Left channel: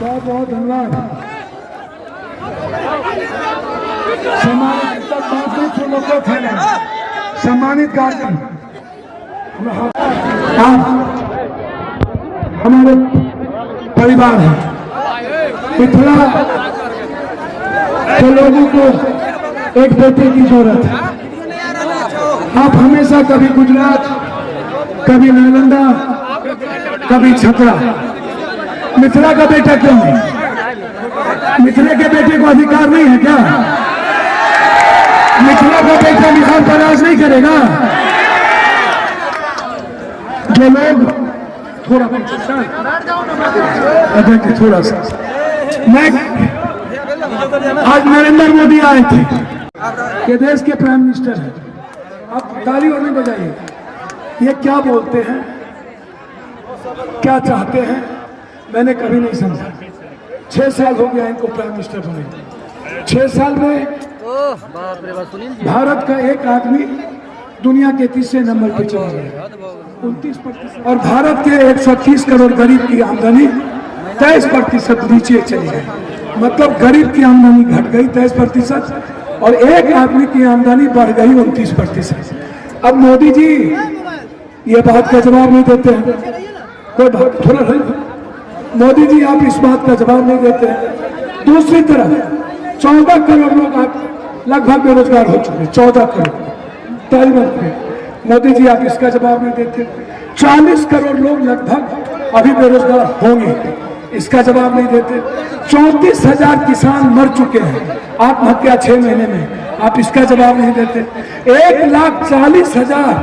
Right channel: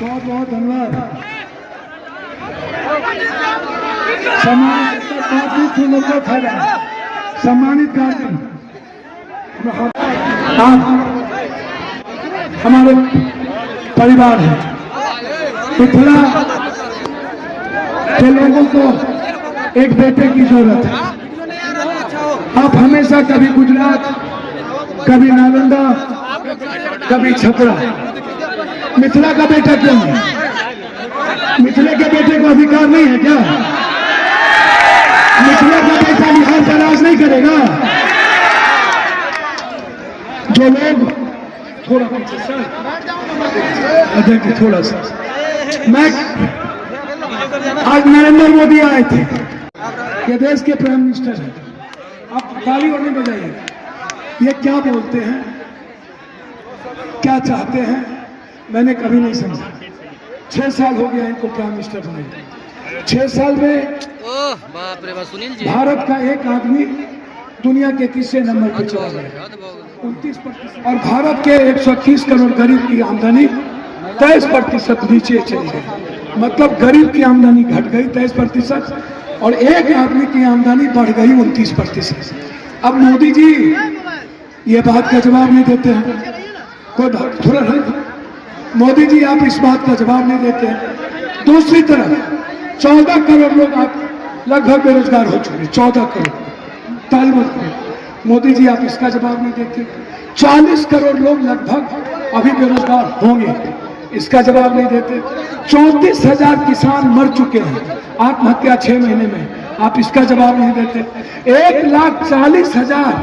बहुत बहुत धन्यवाद। सम्मानित गार्जियन आप हमारे परिवार हैं। मिथिला के लोगों को एक बेटे की जरूरत है। आप हमेशा कभी गुजरात, कभी नालंदा, कभी छपरा। मिथिला का बेटा क्यों है? मिथिला के बेटे को अधिकार नहीं है क्या? मिथिला का बेटा बिहार का राज नहीं करेगा? जो लोग थोड़ा सा मैं आज नरेंद्र मोदी आए थे, ये देश के प्राइम मिनिस्टर हैं। आप ताली और नहीं बजाइए। ये क्या बोलते हैं, क्या चाहते हैं, मैंने कभी नहीं समझा। 6 साल हो गया इनको प्राइम मिनिस्टर बने। 6 साल में भारत का एक आदमी दुनिया के 3रे नंबर पर चला गया, 29%। और भारत के 130 करोड़ गरीब की आमदनी 23% नीचे चली गई। मतलब गरीब की आमदनी घट गई 23% और एक आदमी की आमदनी बढ़ गई 29%। अब मोदी जी ये बात का जवाब नहीं देते हैं। कोई बात थोड़ा मोदी जी आप इस बात का जवाब नहीं देते हैं। दूसरी तरफ 14 करोड़ लोग आप लगभग बेरोजगार हो चुके। 14 करोड़ तालिबान में मोदी जी आप इसका जवाब नहीं देते। 40 करोड़ लोग लगभग अभी बेरोजगार होंगे, इसका जवाब नहीं देते। 34,000 किसान मर चुके हैं आत्महत्या 6 महीने में, आप इसका जवाब नहीं देते। 1,40,000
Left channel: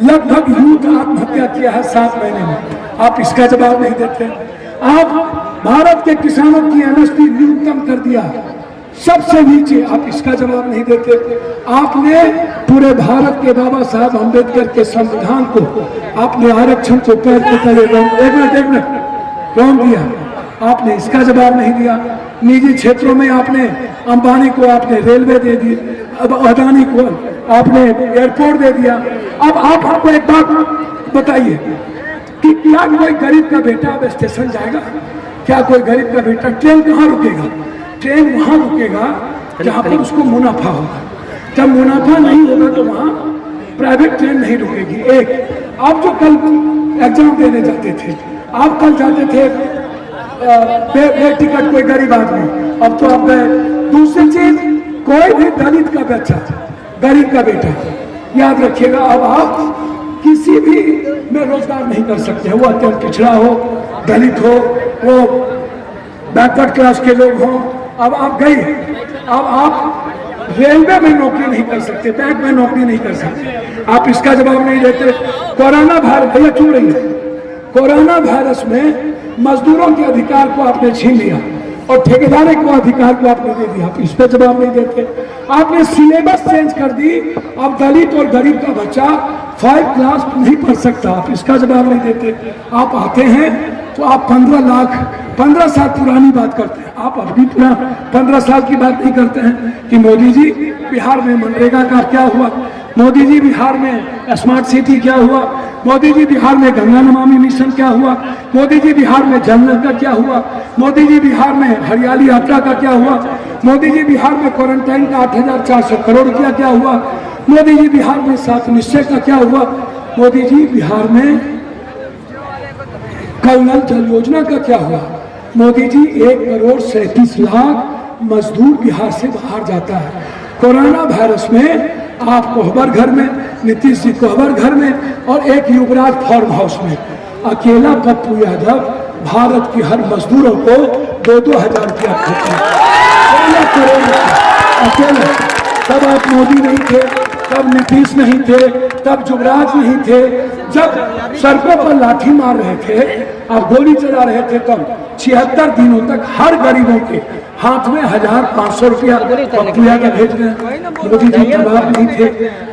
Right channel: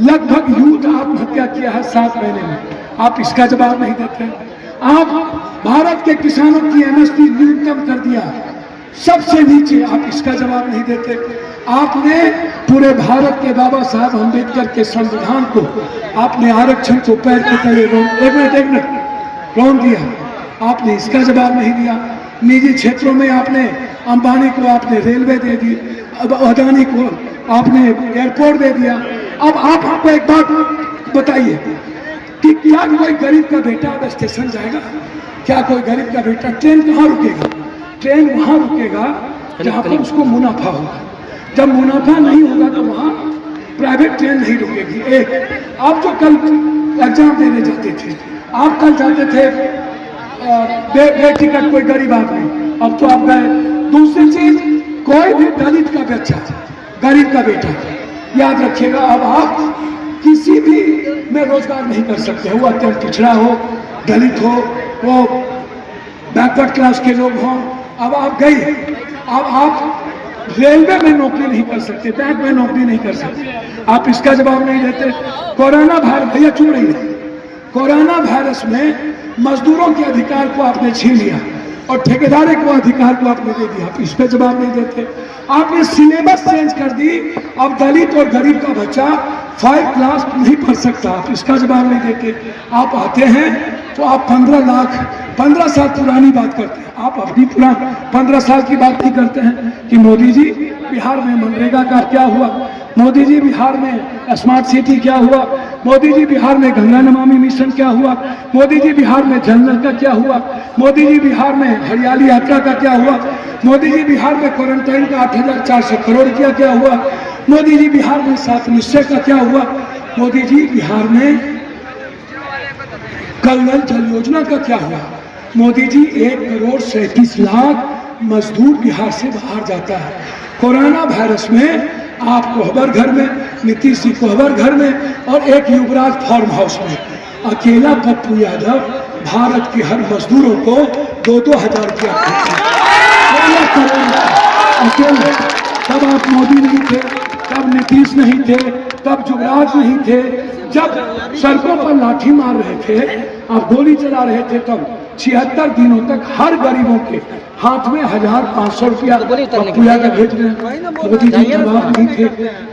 लगभग यूथ आत्महत्या किया है 7 महीने में, आप इसका जवाब नहीं देते। आप भारत के किसानों की एमएसपी न्यूनतम कर दिया सबसे नीचे, आप इसका जवाब नहीं देते। आपने पूरे भारत के बाबा साहब अम्बेडकर के संविधान को, आपने आरक्षण को पैर के तले एक मिनट रौंद दिया, आपने इसका जवाब नहीं दिया। निजी क्षेत्रों में आपने अंबानी को आपने रेलवे दे दी, अब अदानी को आपने एयरपोर्ट दे दिया। अब आप हमको एक बात बताइए कि क्या कोई गरीब का बेटा अब स्टेशन जाएगा? क्या कोई गरीब का बेटा ट्रेन कहाँ रुकेगा? ट्रेन वहाँ रुकेगा जहाँ पर उसको मुनाफा होगा। जब मुनाफा नहीं होगा तो वहाँ प्राइवेट ट्रेन नहीं रुकेगी। एक आप जो कल एग्जाम देने जाते थे, आप कल जाते थे टिकट कोई गरीब आदमी, अब तो आप गए। दूसरी चीज, कोई भी दलित का बच्चा, गरीब का बेटा, याद रखिएगा अब आप किसी भी में रोजगार नहीं कर सकते। वो अत्यंत पिछड़ा हो, दलित हो, वो बैकवर्ड क्लास के लोग हों। अब आप गए, अब आप रेलवे में नौकरी नहीं कर सकते, बैंक में नौकरी नहीं कर सकते, आप इसका जवाब नहीं देते। कोरोना वायरस, भैया चुप रही, कोरोना वायरस में मजदूरों के अधिकार को आपने छीन लिया और ठेकेदारों को अधिकार को आपने दे दिया, आप इस पर जवाब नहीं देते। आपने सिलेबस चेंज कर दी, अब दलित और गरीब का बच्चा 5 क्लास नहीं पढ़ सकता, आप इसका जवाब नहीं देते। आप आते हैं तो आप 15 साल पुरानी बात करते हैं, आप अपनी 15 साल की बात नहीं करते हैं कि मोदी जी बिहार में मनरेगा का क्या हुआ, मोदी जी बिहार में स्मार्ट सिटी क्या हुआ, मोदी जी बिहार में गंगा नमामि मिशन क्या हुआ, मोदी जी बिहार में जल नल का क्या हुआ, मोदी जी बिहार में हरियाली यात्रा का क्या हुआ, मोदी जी बिहार में क्वारंटाइन का 8,400 करोड़ रुपया क्या हुआ, मोदी जी बिहार में 7 निश्चय का क्या हुआ, मोदी जी बिहार में कल नल जल योजना का क्या हुआ। मोदी जी 1,37,00,000 मजदूर बिहार से बाहर जाता है। कोरोना वायरस में आप कोहबर घर में, नीतीश जी कोहबर घर में और एक युवराज फार्म हाउस में, अकेला पप्पू यादव भारत की हर मजदूरों को 2-2 हजार रुपया अकेला। तब आप मोदी नहीं थे, तब नीतीश नहीं थे, तब युवराज नहीं थे, जब सड़कों पर लाठी मार रहे थे और गोली चला रहे थे, तब 76 दिनों तक हर गरीबों के हाथ में 1,500 रुपया पप्पू यादव भेज रहे हैं, मोदी जी जवाब नहीं थे।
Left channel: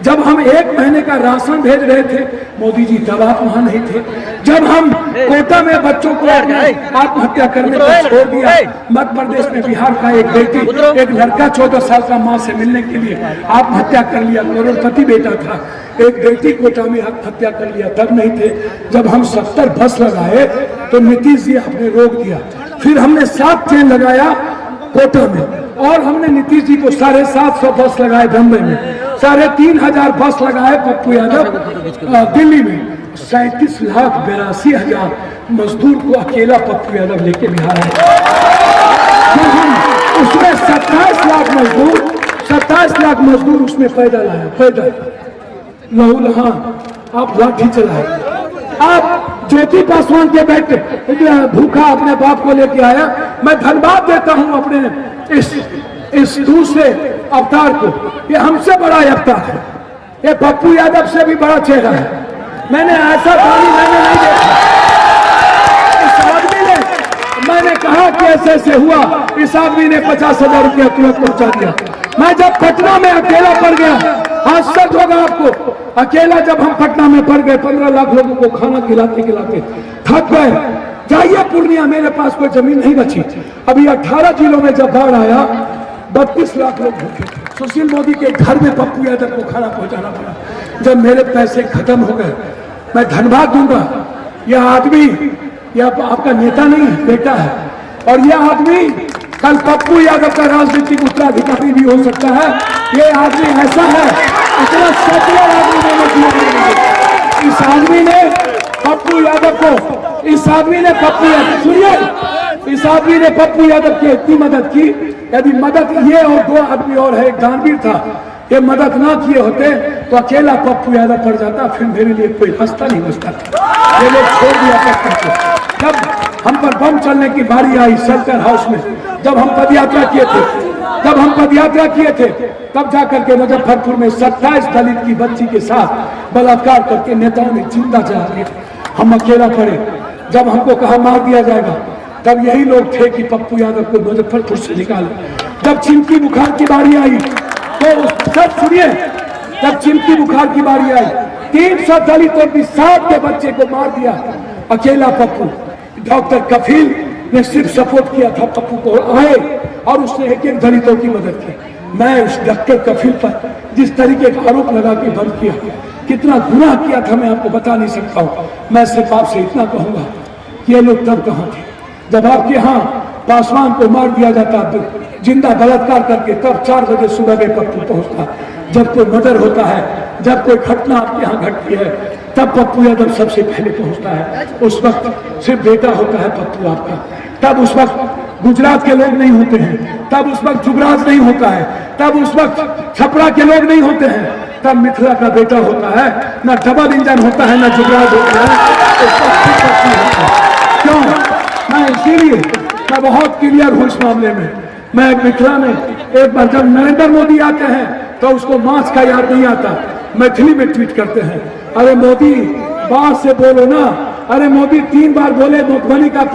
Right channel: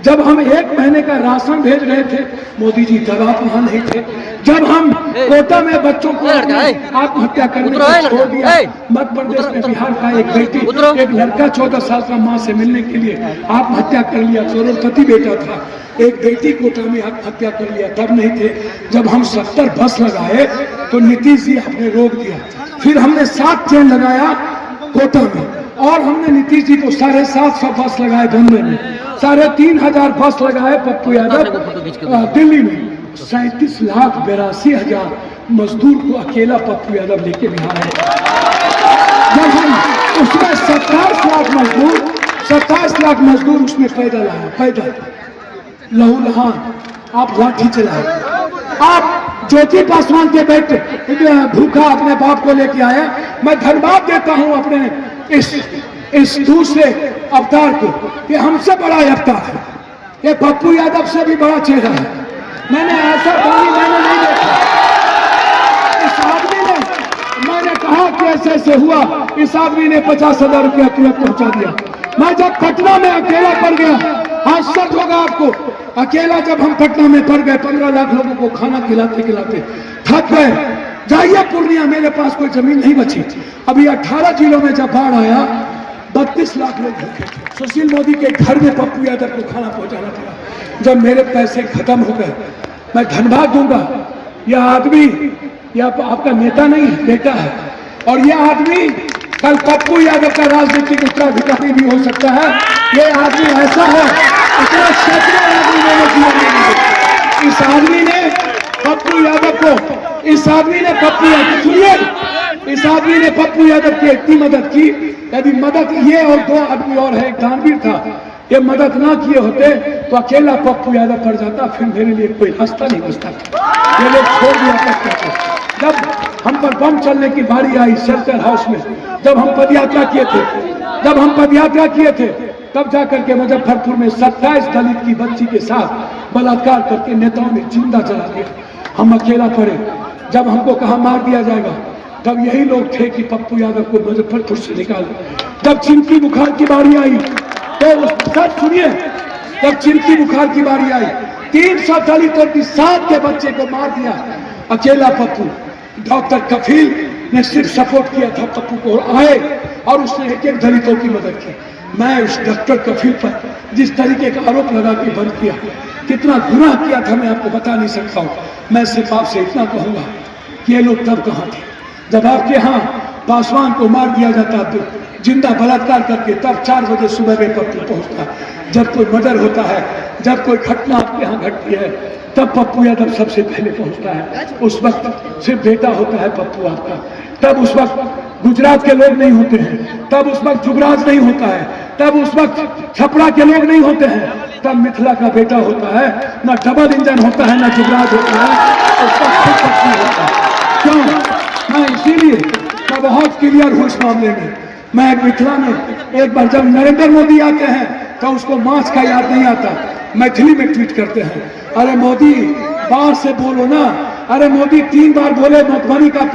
जब हम 1 महीने का राशन भेज रहे थे, मोदी जी तब आप वहां नहीं थे। जब हम कोटा में बच्चों को आत्महत्या करने को छोड़ दिया, मध्य प्रदेश में बिहार का एक बेटी, एक लड़का 14 साल का माँ से मिलने के लिए आत्महत्या कर लिया, करोड़पति बेटा था, एक बेटी कोटा में हत्या कर लिया, तब नहीं थे। जब हम 70 बस लगाए तो नीतीश जी आपने रोक दिया। फिर हमने 7 ट्रेन लगाया कोटा में, और हमने नीतीश जी को 750 बस लगाए बम्बई में, 3500 बस लगाए पप्पू यादव दिल्ली में, 37,82,000 मजदूर को अकेला पप्पू यादव लेके बिहार आए। उसमें 27 लाख मजदूर उसमें पैदल आया, पैदल लहू लहान। आप लाठी चलाए, आप ज्योति पासवान के बेटे भूखा अपने बाप को लेके आया। मैं धन्यवाद देता हूं अपने इस दूसरे अवतार को, ये हमसे बड़ा अवतार है, ये पप्पू यादव से भी बड़ा चेहरा है। मैंने ऐसा पानी मैंने नहीं देखा। इस आदमी ने, मैंने कहा कि ऐसे हुआ, इस आदमी ने 50,000 रुपया तुरंत पहुंचा दिया। मैं जब पटना में अकेला पड़ गया, आश्चर्य होगा आपको, अकेला जब हम पटना में पड़ गए, 15 लाख लोगों को खाना खिलाते खिलाते थक गए। जाइए पूर्णिया, मेरे पास कोई जमीन नहीं बची। अभी 18 जिलों में जब बाढ़ आया, 32 लाख लोग भूखे थे। सुशील मोदी के घर में पप्पू यादव को खाना पहुंचाना पड़ा। जब मेरे पैसे खत्म हो गए, मैं धन्यवाद दूंगा, यह आदमी, यह आपका नेता नहीं है, बेटा है। और यह आदमी कल पप्पू यादव का राजनीतिक उत्तराधिकारी भी हो सकता है। ये आदमी ऐसा है, इतना सच्चा आदमी ने इस आदमी ने पप्पू यादव को, इस आदमी ने पप्पू यादव, सुनिए, इस आदमी ने पप्पू यादव की इतनी मदद की। यदि मदद ये और 2 आदमी और है, एक दानवीर था, ये मदद ना किए होते तो अकेला पप्पू यादव पड़ जाता, फिर मेरे लिए कोई रास्ता नहीं बचता था। ये लोग छोड़ दिया करके। जब हम पर बम चलने की बारी आई शंकर हाउस में, जब हम पदयात्रा किए थे, तब जाकर के मुजफ्फरपुर में 27 दलित की बच्ची के साथ बलात्कार करके नेताओं ने जिंदा जला दिया। हम अकेला पड़े। जब हमको कहा मार दिया जाएगा, तब यही लोग थे कि पप्पू यादव को मुजफ्फरपुर से निकाले। जब चिमकी बुखार की बारी आई तो सब सुनिए, जब चिमकी बुखार की बारी आई, 300 दलितों की 7 के बच्चे को मार दिया अकेला पप्पू। डॉक्टर कफील ने सिर्फ सपोर्ट किया था, पप्पू को आए और उसने एक दलितों की मदद की। मैं उस डॉक्टर कफील पर जिस तरीके का आरोप लगा के बंद किया, कितना गुनाह किया था मैं आपको बता नहीं सकता हूँ। मैं सिर्फ आपसे इतना कहूंगा कि ये लोग तब कहाँ थे जब आपके यहाँ पासवान को मार दिया जाता, जिंदा बलात्कार करके, तब 4 बजे सुबह के पप्पू पहुंचता है। जब कोई मर्डर होता है, जब कोई घटना आपके यहाँ घटती है, तब पप्पू यादव सबसे पहले पहुंचता है। उस वक्त सिर्फ बेटा होता है पप्पू आपका। तब उस वक्त गुजरात के लोग नहीं होते हैं, तब उस वक्त जुगराज नहीं होता है, तब उस वक्त छपरा के लोग नहीं होते हैं, तब मिथिला का बेटा होता है। ना डबल इंजन होता है, ना जुगराज होता है, उस वक्त क्यों? मैं इसीलिए मैं बहुत क्लियर हूँ इस मामले में। मैं मिथिला में एक बार जब नरेंद्र मोदी आते हैं तो उसको मांस का याद नहीं आता, मैथिली में ट्वीट करते हैं, अरे मोदी बात से बोलो ना। अरे मोदी 3 बार बोले मधुबनी का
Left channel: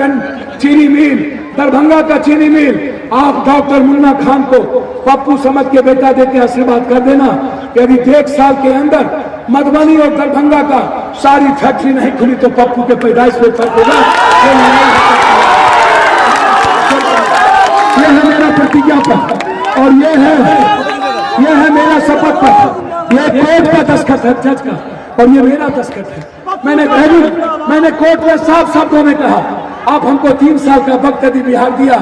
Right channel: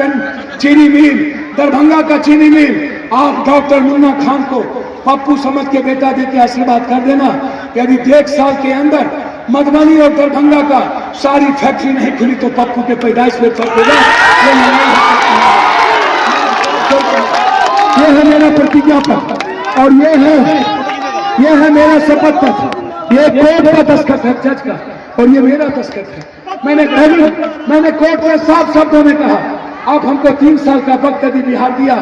चीनी मिल, दरभंगा का चीनी मिल। आप डॉक्टर मुन्ना खान को पप्पू समझ के बेटा दे के आशीर्वाद कर देना। यदि 1 साल के अंदर मधुबनी और दरभंगा का सारी फैक्ट्री नहीं खुली तो पप्पू के पैदाइश पे फर्क होगा। ये है मेरा प्रतिज्ञा पत्र और ये है मेरा शपथ पत्र। ये कोर्ट का दस्तखत है, जज का, और ये मेरा दस्तखत है। मैंने कोर्ट में साफ शब्दों में कहा, आप हमको 3 साल का वक्त यदि बिहार दिया,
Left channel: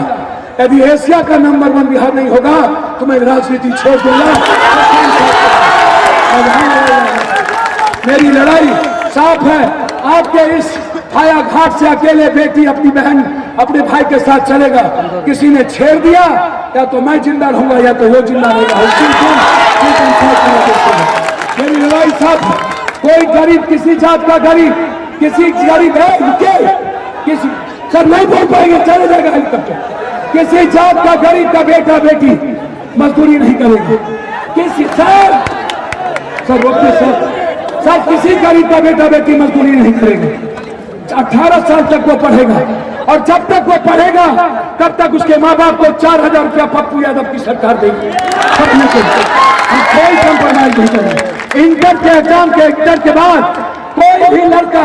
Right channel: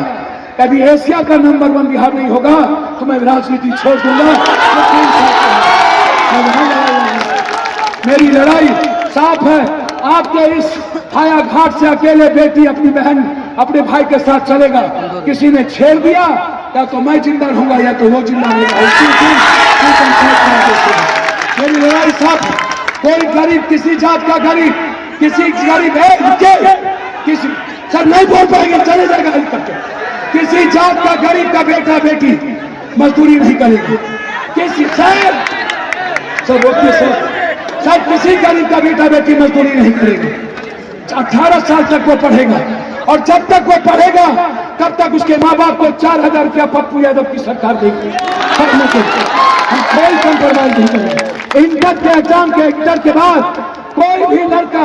यदि एशिया का नंबर 1 बिहार नहीं होगा तो मैं राजनीति छोड़ दूंगा। मेरी लड़ाई साफ है। आपके इस हाया घाट से अकेले बेटी अपनी बहन अपने भाई के साथ चलेगा, किसी ने छेड़ दिया या तो मैं जिंदा रहूंगा या तो वो जिंदा रहेगा। मेरी लड़ाई साफ है। कोई गरीब, किसी जात का गरीब, किसी गरीब है किसी सर नहीं बोल पाएंगे, चले जाएगा हेलीकॉप्टर। किसी जात का गरीब का बेटा बेटी मजदूरी नहीं करेगी। किसी सर किसी गरीब का बेटा बेटी मजदूरी नहीं करेगा। 18 साल तक वो पढ़ेगा और जब तक वो पढ़ेगा तब तक उसके माँ बाप को 4,000 रुपया पप्पू यादव की सरकार देगी। हम कोई कंप्रोमाइज नहीं करेंगे। इंटर के एग्जाम के बाद कोई भी लड़का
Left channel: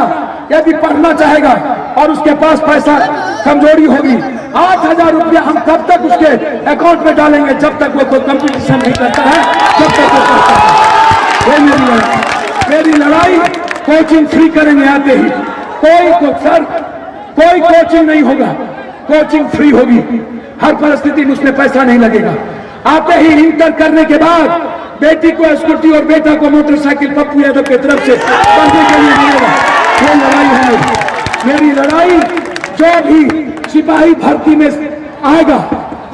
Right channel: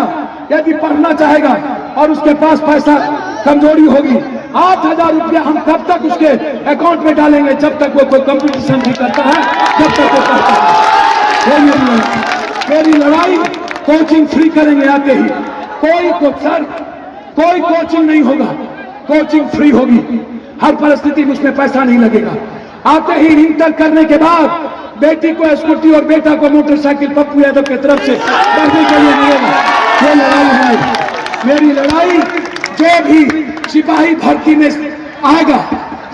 यदि पढ़ना चाहेगा और उसके पास पैसा कमजोरी होगी, 8,000 रुपया हम तब तक उसके अकाउंट में डालेंगे जब तक वो कोई कंपटीशन नहीं करता है, जब तक वो पढ़ता है। मेरी लड़ाई कोचिंग फ्री करेंगे आते ही। कोई कोचिंग नहीं होगा, कोचिंग फ्री होगी, हर परिस्थिति में उसमें पैसा नहीं लगेगा। आते ही इंटर करने के बाद बेटी को स्कूटी और बेटा को मोटरसाइकिल पप्पू यादव की तरफ से पढ़ने के लिए मिलेगा। ये लड़ाई है मेरी लड़ाई। जो भी सिपाही भर्ती में आएगा,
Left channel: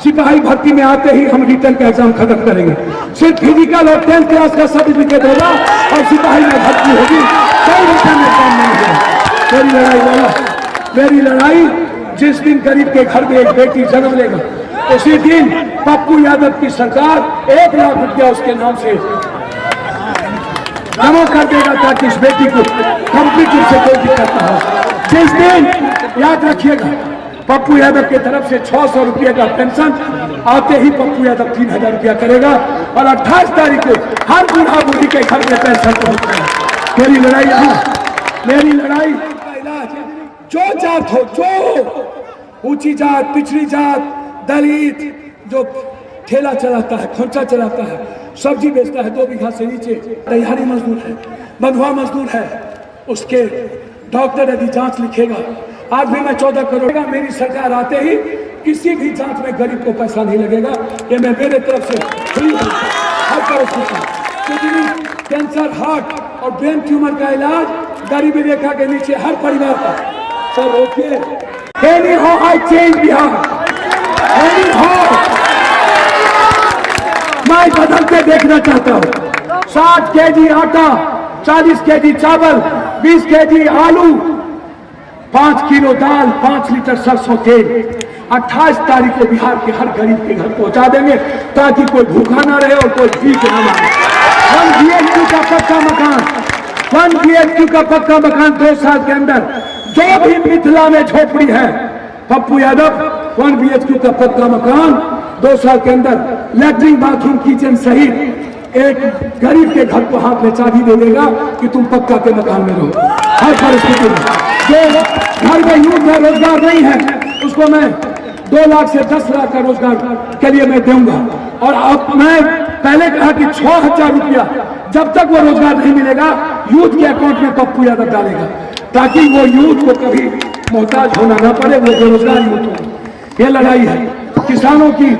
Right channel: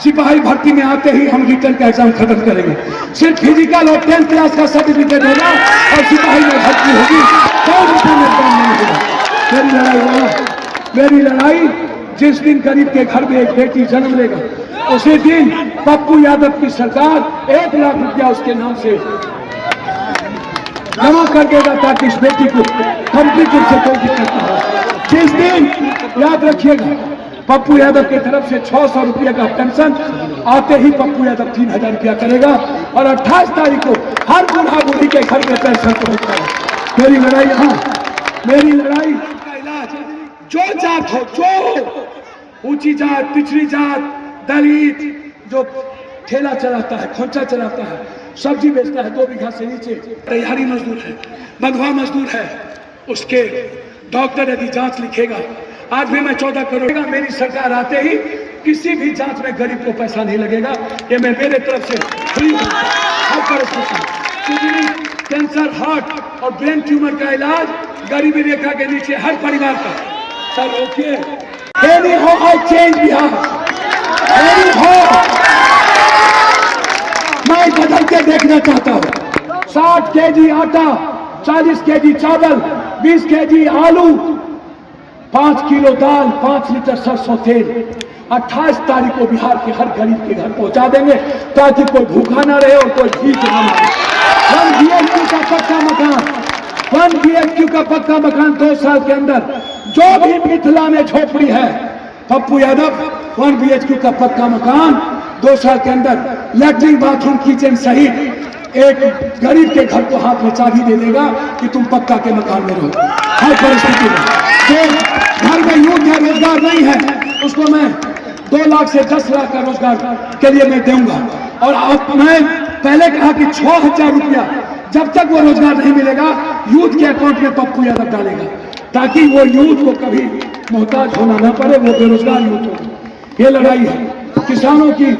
सिपाही भर्ती में आते ही हम रिटर्न का एग्जाम खत्म करेंगे। सिर्फ फिजिकल और 10th क्लास का सर्टिफिकेट होगा और सिपाही में भर्ती होगी, कोई रिटर्न एग्जाम नहीं होगा। मेरी लड़ाई वाला, मेरी लड़ाई जिस दिन गरीब के घर में एक बेटी जन्म लेगा उसी दिन पप्पू यादव की सरकार 1 लाख रुपया उसके नाम से जमा कर देगा ताकि इस बेटी को कंप्लीट रूप से कोई दिक्कत ना हो। जिस दिन याद रखिएगा पप्पू यादव की तरफ से 600 रुपये का पेंशन आते ही पप्पू यादव 3000 रुपया करेगा और 28 तारीख को हर बूढ़ा बूढ़ी के घर में पेंशन पहुंचेगा। मेरी लड़ाई यहाँ, मेरी लड़ाई का इलाज जो जात हो, जो ऊंची जात, पिछड़ी जात, दलित, जो ठेला चलाता है, खोंचा चलाता है, सब्जी बेचता है 2 बीघा से नीचे, दिहाड़ी मजदूर है, बंधुआ मजदूर है, उसके डॉक्टर यदि जांच लिखेगा, आज भी मैं 14 करोड़ का, मेरी सरकार आते ही किसी भी जांच में गरीब को पैसा नहीं लगेगा। ये मैं मेरे तरफ से फ्री हूँ हर परिस्थिति। किडनी, कैंसर, हार्ट और ब्रेन ट्यूमर का इलाज गरीबी रेखा के नीचे हर परिवार का। सर ओके, कैनी हो आई चेंज बिहार, कैनी हो मैं बदल के देखना चाहता हूँ। 60 केजी आटा, 40 केजी चावल, 20 केजी आलू, 5 किलो दाल, 5 लीटर सरसों तेल 28 तारीख को बिहार के हर गरीब के घर पहुंचा देंगे ताकि कोई भूखा ना रहे और कोई भीख ना मांगे। 1 BHQ का पक्का मकान, 1 BHQ का पक्का मकान 2 साल के अंदर। जो भी मिथिला में झोपड़ी है, पप्पू यादव 1 BHQ का पक्का मकान 2 साल के अंदर लैट्रिन, बाथरूम, किचन सहित एक गरीब के घर को हाथ में चाबी दे देगा कि तुम पक्का के मकान में रहो हर परिस्थिति में। जो घर में यूथ है, रोजगार नहीं है, उसको मैं 2 लाख से 10 लाख का रोजगार के लिए मैं दूंगा। और अब मैं पहले कहा कि 6000 रुपया जब तक वो रोजगार नहीं मिलेगा यूथ के अकाउंट में पप्पू यादव डालेगा ताकि वो यूथ को कभी मोहताज होना ना पड़े, वो बेरोजगार यूथ हो। ये लड़ाई है किसानों की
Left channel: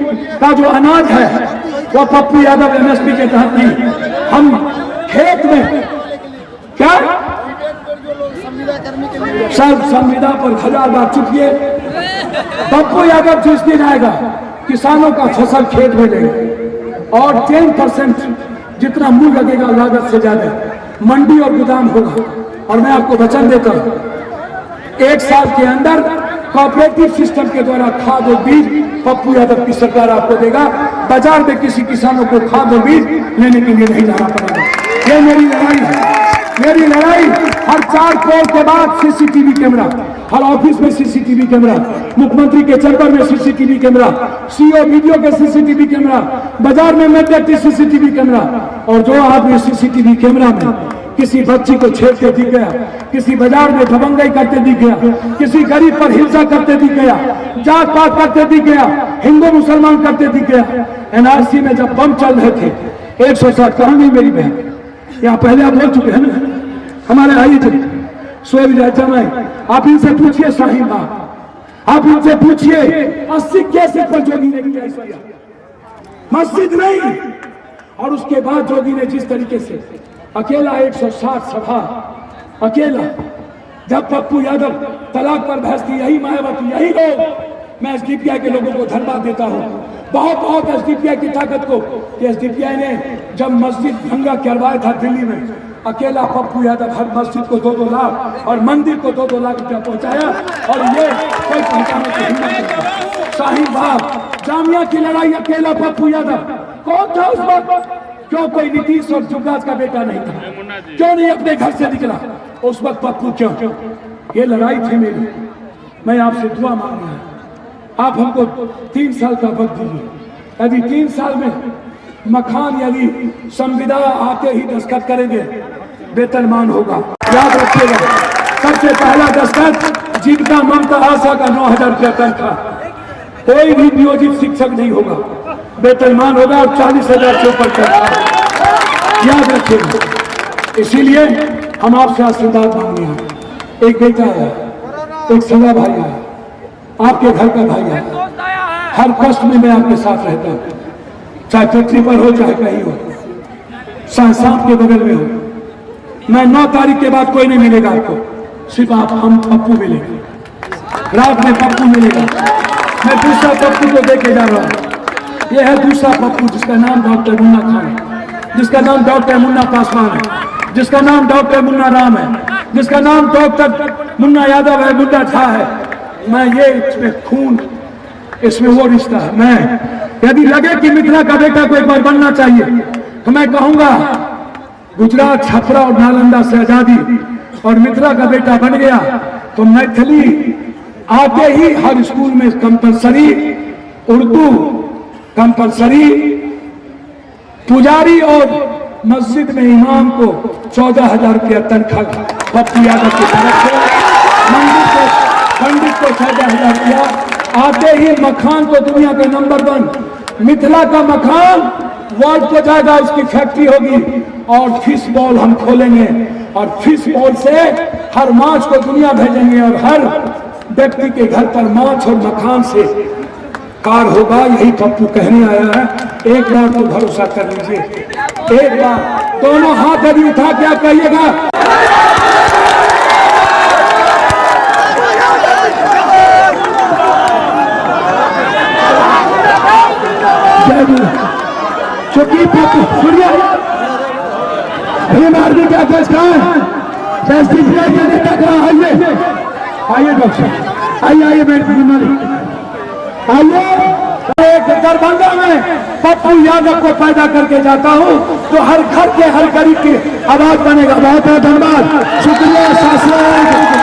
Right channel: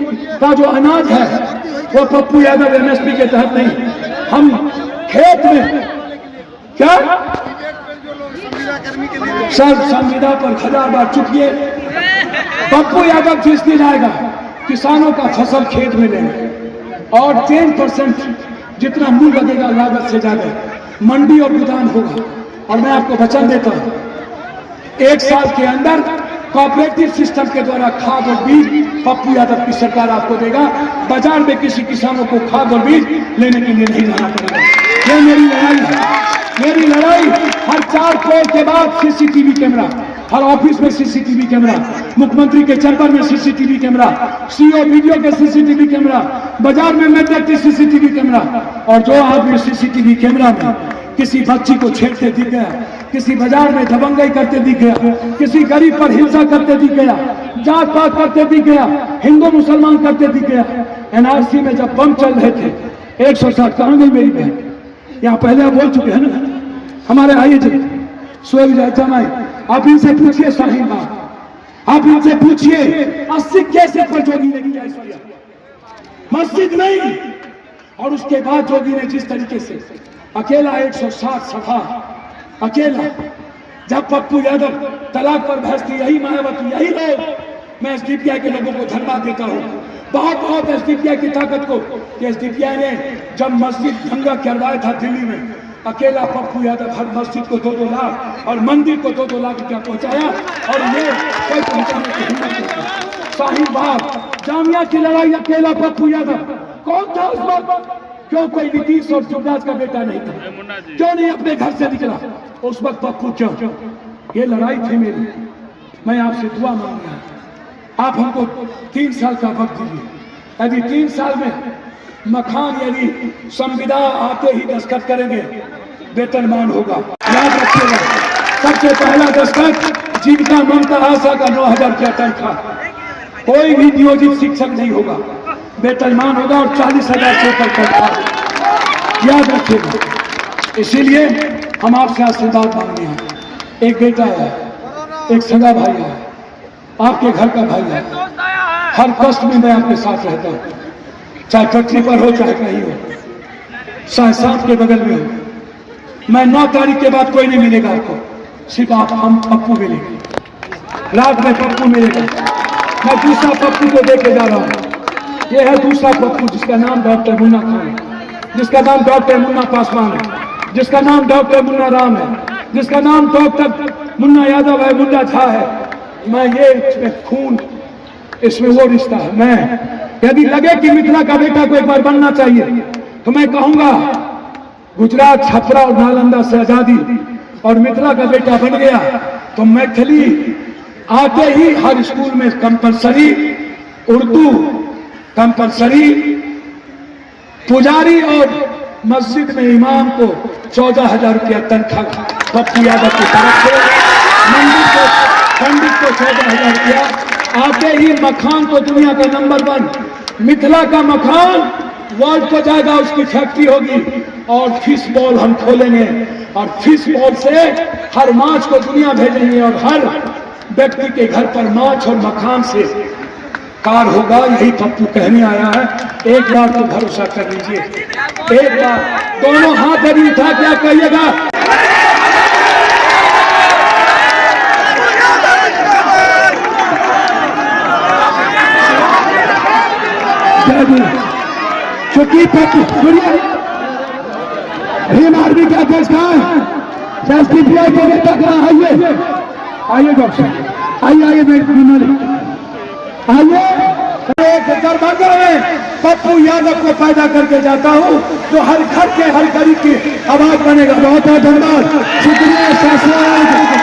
का जो अनाज है वो पप्पू यादव MSP के तहत नहीं, हम खेत में क्या सब संविदा पर 1000 बार चुकिए। पप्पू यादव जिस दिन आएगा किसानों का फसल खेत में लेंगे और 10% जितना मूल्य लगेगा लागत से ज्यादा मंडी और गोदाम होगा। और मैं आपको वचन देता हूं 1 साल के अंदर कोऑपरेटिव सिस्टम के द्वारा खाद और बीज पप्पू यादव की सरकार आपको देगा। बाजार में किसी किसानों को खाद और बीज लेने के लिए नहीं जाना पड़ेगा। ये मेरी लड़ाई है, मेरी लड़ाई। हर 4 करोड़ के बाद CCTV कैमरा, हर ऑफिस में CCTV कैमरा, मुख्यमंत्री के चैम्बर में CCTV कैमरा, CEO वीडियो के CCTV कैमरा, बाजार में मेट्रिक CCTV कैमरा। और जो आदमी CCTV कैमरा में किसी बच्ची को छेड़ते दिख गया, किसी बाजार में दबंगई करते दिख गया, किसी गरीब पर हिंसा करते दिख गया, जात पात करते दिख गया, हिंदू मुसलमान करते दिख गया। NRC में जब बम चल रहे थे 107, कहाँ गई मेरी बहन? यहाँ पहले आप बोल चुके हैं ना, हमारे आइए थे सोएब जमाई, आप इनसे पूछिए शाहीन बाग, आप इनसे पूछिए 80 केस पर जोगी ने किया, मस्जिद नहीं। और उसके बाद जोगी ने जिस तरीके से अकेला 160 सभा अकेला, जब पप्पू यादव तलाक पर बहस की, यही मायावती, यही लोग, मैं SDPI के लोगों को धन्यवाद देता हूँ बहुत SDPI की ताकत को। SDPI ने जब मस्जिद दंगा करवाया था दिल्ली में, अकेला पप्पू यादव हर मस्जिद को 2-2 लाख और मंदिर को 2-2 लाख रुपया पहुंचाया। और ये कोई पहुंचाने की हिम्मत नहीं। शाहीन बाग जामिया की लड़ाई अकेला पप्पू यादव। कौन था उस वक्त? क्यों कोई नीतीश और जुगराज का बेटा नहीं था? क्यों नहीं अपने घर से निकला उस वक्त पप्पू? क्यों? ये लड़ाई थी मेरी। मैं आपसे दुआ मांग रहा हूं, आप हमको 3 साल का वक्त दीजिए। यदि 3 साल में मकान यदि संविदा आते ही दस्तखत करेंगे, वेतनमान होगा। याद रखिएगा, सबसे पहला दस्तखत जीविका ममता आशा का 9000 रुपया तनख्वाह। कोई भी नियोजित शिक्षक नहीं होगा, वेतनमान होगा और 40,000 से ऊपर तनख्वाह। याद रखिएगा, इसीलिए हम आपसे आशीर्वाद मांगने हैं। एक बेटा है, एक सगा भाई है, आपके घर का भाई है। हर कष्ट में मैं आपके साथ रहता हूँ, चाहे पटरी पर हो चाहे कहीं हो, चाहे सांप के बगल में हो। मैं 9 तारीख के बाद कोई नहीं मिलेगा आपको, सिर्फ आप हम पप्पू मिलेंगे। रात में पप्पू मिलेगा। मैं दूसरा पप्पू को देके जा रहा हूँ। ये है दूसरा पप्पू जिसका नाम डॉक्टर मुन्ना खान है, जिसका नाम डॉक्टर मुन्ना पासवान है, जिसका नाम डॉक्टर मुन्ना राम है, जिसका नाम डॉक्टर मुन्ना यादव है, मुन्ना झा है। मैं ये इसमें खून, इसमें वो रिश्ता है। मैं यदि लगे कि मिथिला का बेटा को एक बार बनना चाहिए तो मैं कहूंगा गुजरात, छपरा और नालंदा से आजादी और मिथिला का बेटा बन गया तो मैथिली आते ही हर स्कूल में कंपलसरी, उर्दू कंपलसरी, पुजारी और मस्जिद में इमाम को 14,000 रुपया तनख्वाह पप्पू यादव की तरफ से, मंदिर को पंडित को 14,000 रुपया। आते ही मखान को दुनिया के नंबर 1 मिथिला का मखान वर्ल्ड को जाएगा, उसकी फैक्ट्री होगी। और फिश बॉल हम खोलेंगे और फिश बॉल से हर माछ को दुनिया भेजेंगे और हर व्यक्ति के घर पर माछ और मखान से कार होगा। यही पप्पू कहने आया है। एक बार तो भरोसा कर लीजिए, एक बार दोनों हाथ अभी उठा क्या कहिएगा। चूंकि पप्पू सुनिए, भीम आर्मी का अध्यक्ष है, जस्टिस आइए आइए डॉक्टर आइए आइए आइए। एक दरभंगा में पप्पू यादव को पैदा करके जाता हूँ तो हर घर के हर गरीब की आवाज बनेगा। बहुत बहुत धन्यवाद, शुक्रिया, शासन।